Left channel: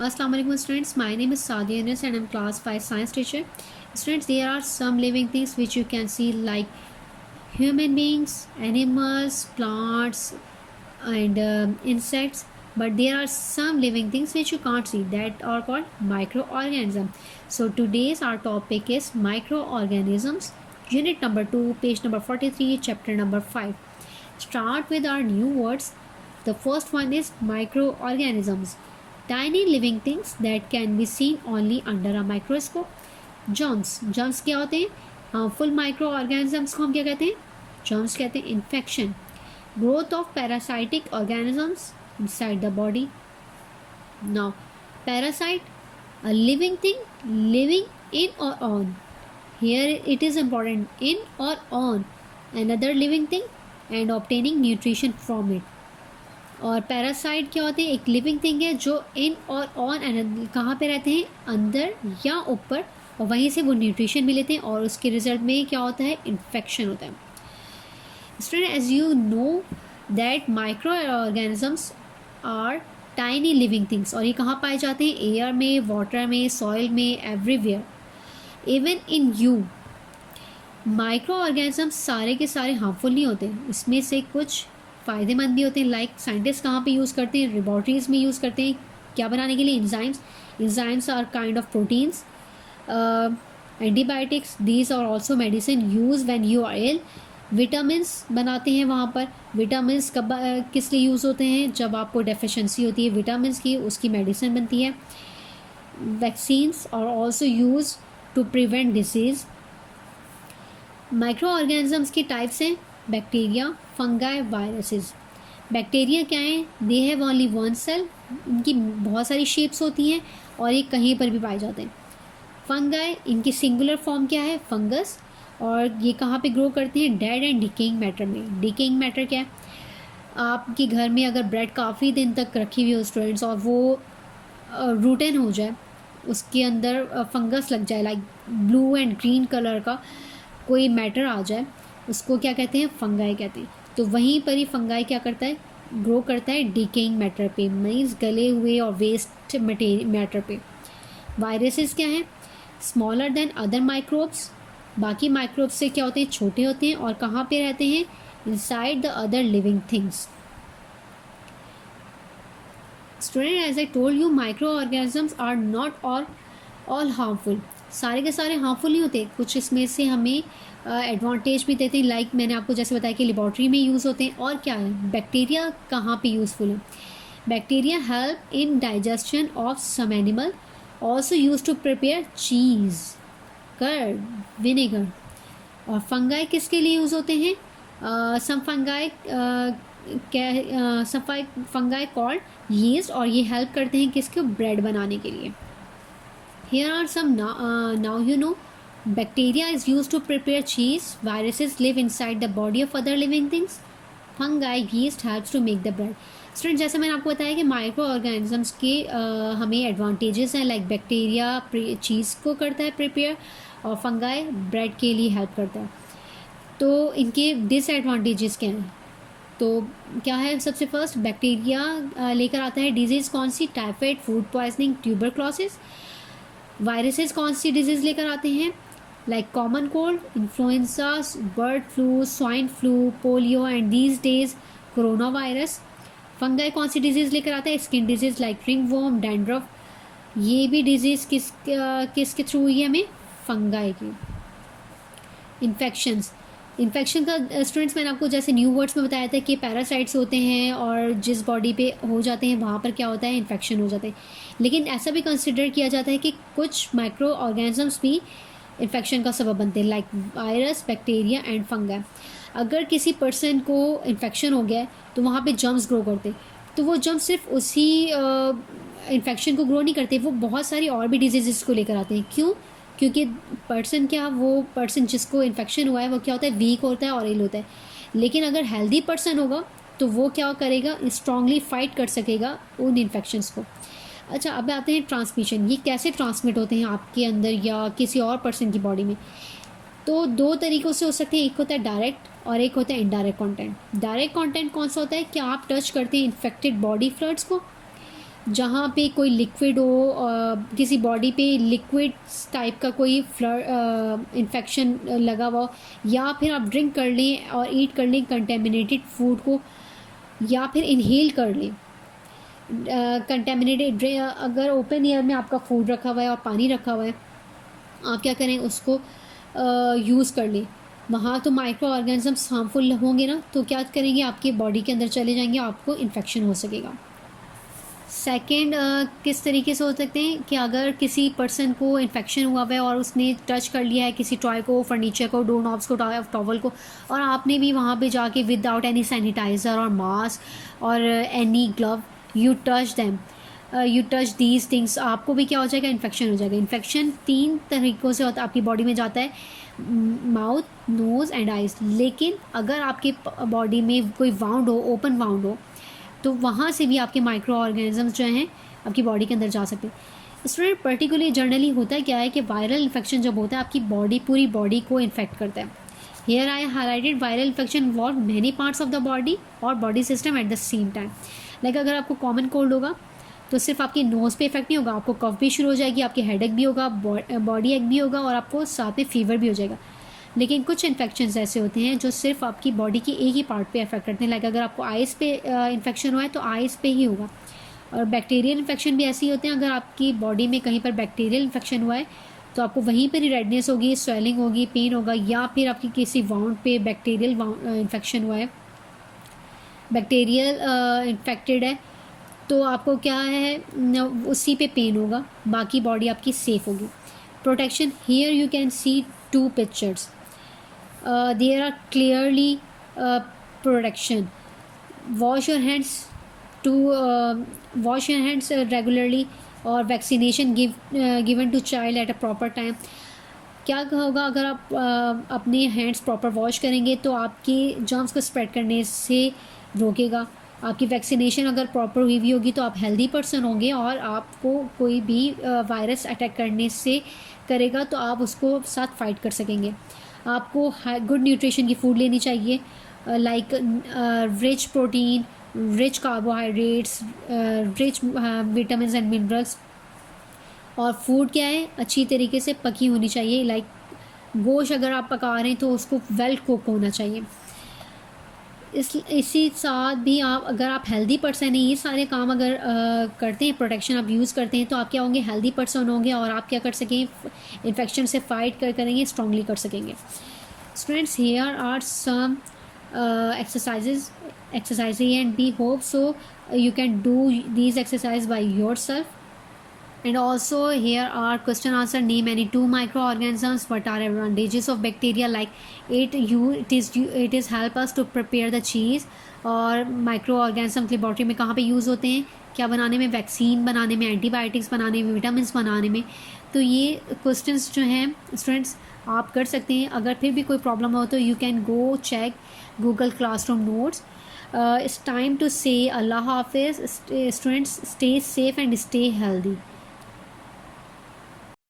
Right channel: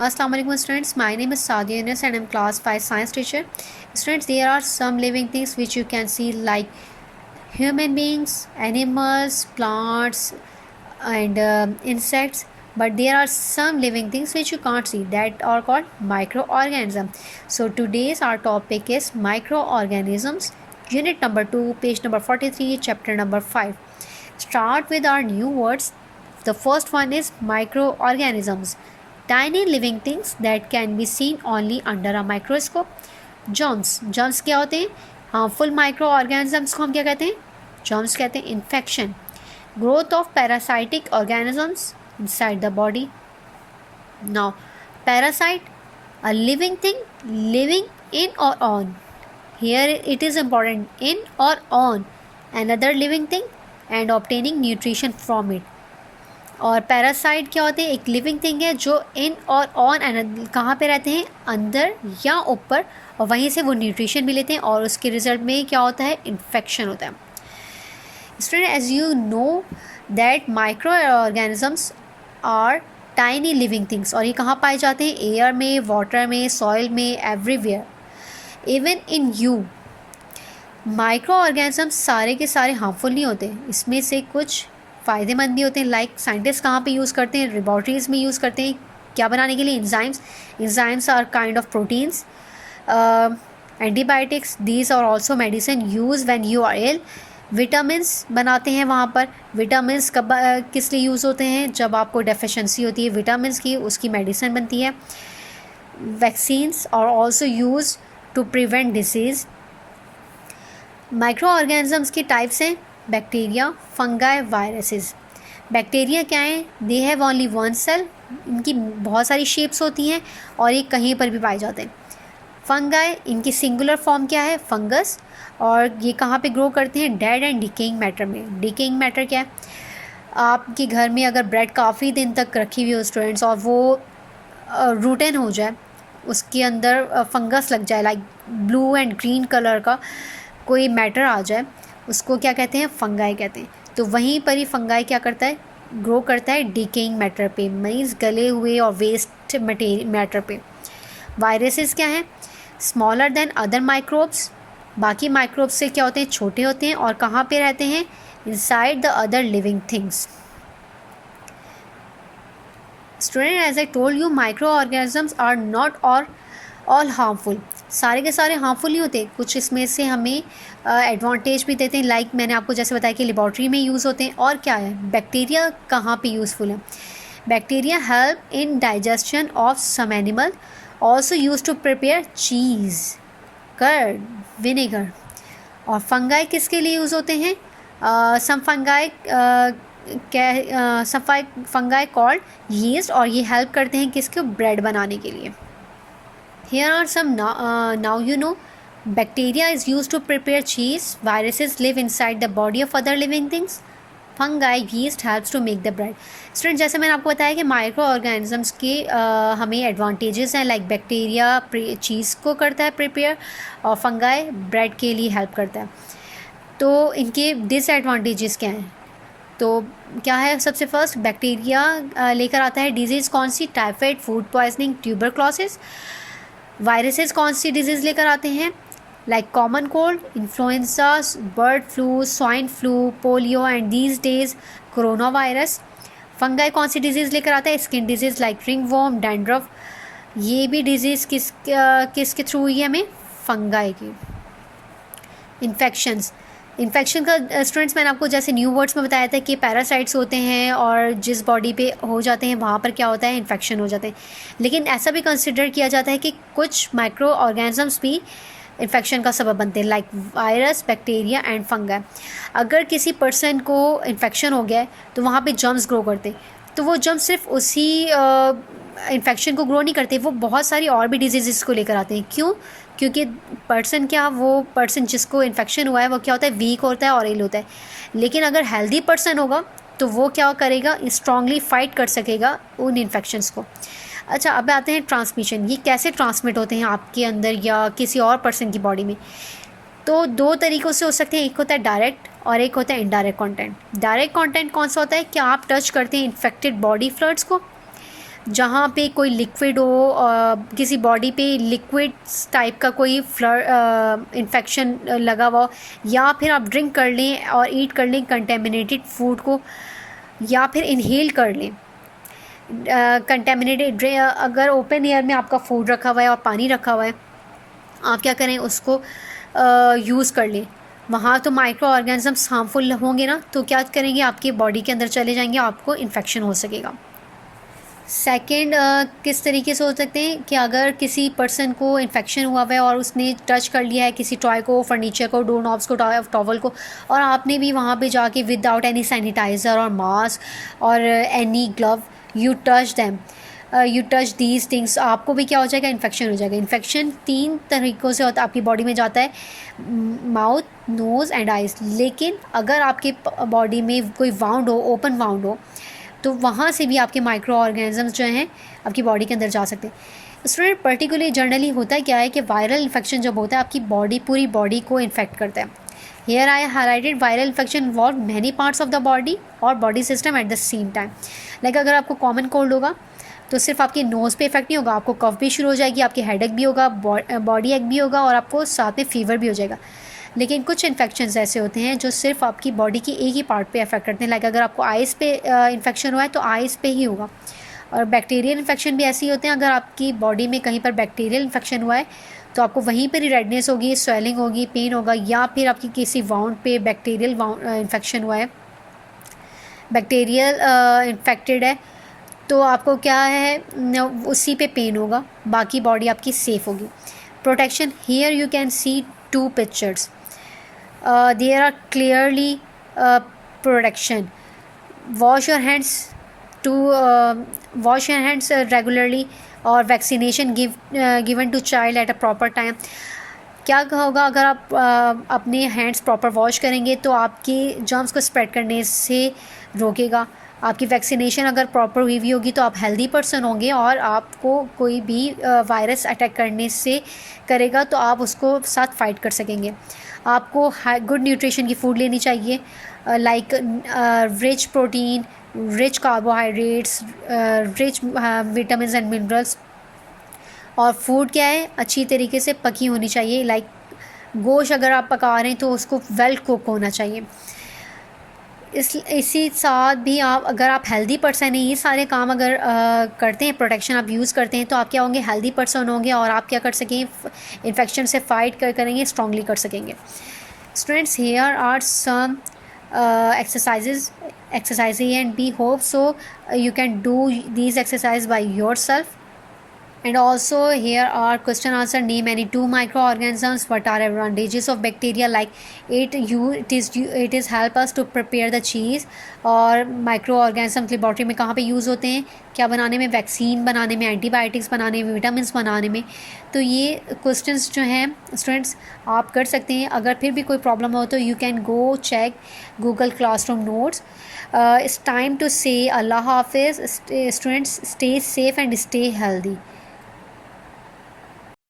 Assalamu alaikum students, my name is Sadia Yunus and I'm class 5 science teacher. Students, there are some living things which you can see like human beings, animals, plants and insects, but there are some living things which you can't see that are called microorganisms. So today's our topic is microorganisms, unit number 2, page number 43, chapter number 5. Start with our new words. The first one is microorganisms. Tiny living things that can be seen only under a microscope. Germs क्या होते हैं? Harmful micro organisms को हम क्या कहते हैं? Germs कहते हैं. Infection. Growth of parasitic organisms inside the body. Now, parasite, a living thing living in or on. Here it is important, in or on another living thing and obtaining nutrition from it. और parasite क्या होते हैं? एक living thing है जो इन और on कहाँ पे रहते हैं? अंदर या ऊपर, और वहीं से वो न्यूट्रिशन भी लेते हैं और उसके रिजल्ट में क्या होता है? इन्फेक्शन होता है. Student, as you know that micro organisms are tiny living things, और ये कहाँ पाए जाते हैं? एयर में, वाटर में, सॉइल में, everywhere. Even in you. Micro organisms सारे के सारे हार्मफुल नहीं होते, इसमें से कुछ फ़ायदेमंद भी होते हैं. लाइक साइंटिस्ट कहाँ पे यूज़ करते हैं? लेबॉर्ट्रीज में यूज़ करते हैं. क्या बनाने के लिए? Enzymes are kind of proteins. Antibiotics, these are also medicine use when you are ill. Vitamins बनाते हैं वहाँ पर. विटामिन्स कब किस लिए यूज़ होते हैं? जब आपको डेफिशिएंसी होती है विटामिन्स की, उसकी मेडिसिन बनती है. Vaccines are also use to prevent disease. Micro organisms की टाइप्स हैं बैक्टीरिया, फंगाई, वायरसेस. बैक्टीरिया क्या है? They have only one cell. इनकी बहुत सारी शेप्स होती हैं और ये कहीं पर भी पाए जाते हैं. फंगाई, इनकी सिंगुलर फॉर्म क्या है? फंगस. और ये कहाँ पे ग्रो करते हैं? डेड एंड डिकेइंग मैटर में. डिकेइंग मैटर क्या है? आपके घर में अगर ब्रेड काफ़ी दिन तक रखी हुई हो स्टूडेंट्स, और वो रूटन हो जाए, उसके अंदर फंगस लग जाए, like blue and green colour का कोई मैटर आ जाए, उसको क्या कहते हैं? फंगाई कहते हैं. तो वहीं पर ही फंगाई क्या करता है? ग्रो करता है डिकेइंग मैटर पे, मीन्स गले हुए और वेस्ट मैटर पे. वायरसेस क्या हैं? Smaller than other microbes. बाकी माइक्रोब्स से क्या होते हैं? छोटे होते हैं. और कहाँ पे रहते हैं? Inside the other living things. Student, as I told you, micro organisms are not all harmful. सारे के सारे हार्मफुल नहीं होते. कुछ इसमें से हमें एडवांटेज भी देते हैं, लाइक मैंने आपको जैसे बताया कि लेबॉर्ट्री में यूज़ होते हैं. और क्या है? बैक्टीरिया कहाँ पे यूज़फुल है? Bacteria help in digestion of some animal, also use to prepare cheese, curd, vinegar. और फंगाई किसके लिए यूज़ होते हैं? सम फंगाई कॉल्ड यीस्ट, और ये हेल्प करते हैं किसको? ब्रेड बनाने के लिए. Here are some now you know. Bacteria is used to prepare cheese. Viruses live inside the body of other living things. Fungi, yeast helps to make the bread. Student, जैसे मैंने आपको बताया कि माइक्रो ऑर्गेनिजम्स के हमें advantages हैं, like bacteria चीज़ को करता है प्रिपेयर, और फंगाई ब्रेड के लिए हेल्प करता है. तो इनके डिसएडवांटेजेस क्या हैं? तो क्या है? सबसे फर्स्ट, बैक्टीरिया लेकर आता है डिजीज़. कौन सी? Typhoid, food poisoning, tuberculosis. Viruses कौन सी डिजीज़ लेकर आते हैं? Like common cold, influenza, bird flu, swine flu, polio and these days corona virus. Fungi कौन सी डिजीज़ लेकर आता है? Skin disease like ringworm, dandruff. ये भी डिजीज़ किसके थ्रू हुई है? हमें फंगाई की. इन्फेक्शन का स्टूडेंट्स मैंने आपको जैसे न्यू वर्ड्स में बताया था कि पैरासाइट्स होते हैं और जिस बॉडी पे हो जाते हैं वहाँ पर क्या होता है? इन्फेक्शन हो जाते हैं. लेकिन ऐसा भी कंसिडर किया जाता है कि कुछ माइक्रो ऑर्गेनिजम्स भी इन्फेक्शन का सबब बनते हैं, like virus, bacteria and fungi. अगर किसी पर्सन को इन्फेक्शन हो गया है तो वहाँ पे जर्म्स ग्रो करते हैं. तो वो जर्म्स सिर्फ उसी इन्फेक्शन को ग्रो नहीं करते, वो बहुत सारी और भी डिजीज़ को लेकर आते हैं. क्यों? क्योंकि वो पर्सन जिसको इन्फेक्शन हुआ है वो क्या होता है? वीक होता है और इल होता है. लेकिन अगर हेल्दी पर्सन होगा तो वो क्या करेगा? स्ट्रांगली फाइट कर सकेगा उन इन्फेक्शंस को. अच्छा, अब आते हैं ट्रांसमिशन. ये कैसे ट्रांसमिट होते हैं आपके अंदर या किसी और पर्सन की बॉडी में? तो दो तरीक़ों से हो सकते हैं. एक होता है डायरेक्ट और एक होता है इनडायरेक्ट कंटेंट. डायरेक्ट कंटेंट कौन सा होता है? कि आप टच करते हैं इन्फेक्टेड बॉडी फ्लूइड्स को, जहाँ पे कोई लिक्विड हो, किसी बॉडी पे लिक्विड टाइप का कोई इन्फेक्शन लगा हुआ हो, या फिर आप ड्रिंक कर लें और ईट कर लें कंटेमिनेटेड फूड को, या फिर इनहेल कर लें कंटेमिनेटेड। अगर ओपन एयर में आपका फूड रखा हुआ है और पानी रखा हुआ है, आप क्या करें, उसको यूज़ कर लें। वहाँ तो माइक्रो ऑर्गेनिजम्स हार्मफुल होंगे ना, तो क्या करेंगे, आपकी बॉडी के अंदर चले जाएंगे, आपको इन्फेक्शन हो सकेगा। सेकेंड, किस तरीके से हो सकते हैं कि अगर किसी पर्सन को इन्फेक्शन हुआ हुआ है और उसने टच कर लिया है किसी टॉय को, फर्नीचर को, डोर नॉब्स को, टॉवल को, और आपने भी वहाँ पे जाके विदाउट एनी सैनिटाइज़र और मास्क और any glove you touch them, you touch these things, आपको भी क्या हो जाएगा, इन्फेक्शन हो जाएगा। इन्फेक्शन 3 तरीक़ों से होता है, आपकी बॉडी में जाता है, माउथ, नोज़ एंड आइज़। लेकिन अगर आपकी बॉडी में कोई वाउंड हो, ओपन वाउंड हो, तो वहाँ से भी आपके माइक्रो ऑर्गेनिजम्स जो हैं आपकी बॉडी के अंदर जा सकते हैं। स्टूडेंट, पर्टिकुलरली जनरली होता क्या है कि वायरल इन्फेक्शन जब होता है आपकी पूरी बॉडी को इन्फेक्ट करता है। Here I highlighted viral infection involve many parts of the body और body system at the same time. Like अगर आपको कॉमन कोल्ड होगा तो सिर्फ आपके नोज़ पे इफेक्ट नहीं होगा, आपको कफ भी शुरू हो जाएगी, आपकी हेडेक भी होगा, बॉडी एक भी होगा, और आपको साथ में फीवर भी हो जाएगा। लेकिन कुछ इन्फेक्शंस ऐसे होते हैं जो सिर्फ आपकी बॉडी की एक ही पार्ट पे अफेक्ट करते हैं। लाइक अगर आपको आइज़ पे इन्फेक्शन हुआ है तो आइज़ पे ही होगा। और बैक्टीरियल इन्फेक्शन भी ऐसे ही होते हैं, अगर आपकी बॉडी में कहीं पर बैक्टीरियल इन्फेक्शन हुआ है तो आपको वहीं पर ही रेडनेस होगी, स्वेलिंग होगी, पेन होगा, या फिर आपकी किसी वाउंड पे बैक्टीरियल इन्फेक्शन हुआ है, बैक्टीरियल इन्फेक्टेड है, तो आपको क्या है, उसी पे पेन होगा, बाकी बॉडी आपकी सेफ़ होगी। Protection, here you can see 2 pictures, there are clearly protection. Wash your hands regularly, और vaccination given to child at a proper time। क्या होगा, अगर आप अपने हैंड्स प्रॉपर वॉश करेंगे तो आपके जर्म्स को स्प्रेड करने से रोकेगा। आपकी वैक्सीनेशन अगर प्रॉपर हुई हुई होगी तो आप हेल्दी पर्सन होंगे, और आपको कोई भी वायरस अटैक करने से करेगा तो आप उसको साथ फाइट कर सकेंगे। आपको गुड न्यूट्रिशन की फूड लेनी चाहिए, like rich protein, rich carbohydrates, rich vitamin and minerals. और फूड क्या है, अच्छी तरीके से पकी होनी चाहिए। लाइक गोश्त अगर आप पका रहे हैं तो उसको वेल कुक होना चाहिए। इसी साथ भी आप, अगर आप हेल्दी पर्सन हैं, ये सारे काम अगर करते हैं, प्रोटेक्शन आप यूज़ करते हैं, तो आप क्या होंगे, हेल्दी पर्सन होंगे, और आप क्या कर सकेंगे, इन्फेक्शन से फाइट करेंगे, स्ट्रांगली कर सकेंगे। Students, here are some exercises and we hope so you can do these exercises by yourself। And also here are question answer, name any 2 microorganisms, what are advantages of bacteria, like it is help us to prepare the cheese। और microorganisms laboratory में कहाँ पे use होते हैं, क्या बनाने में, vaccine बनाने में, एंटीबायोटिक्स बनाने में, विटामिन बनाने में। तो ये क्वेश्चंस जो हैं स्टूडेंट्स आप कर सकते हैं। अगर फिर भी कोई प्रॉब्लम हो तो you can go check Google classroom notes. It's time to say Allah Hafiz. Students, stay safe and stay healthy.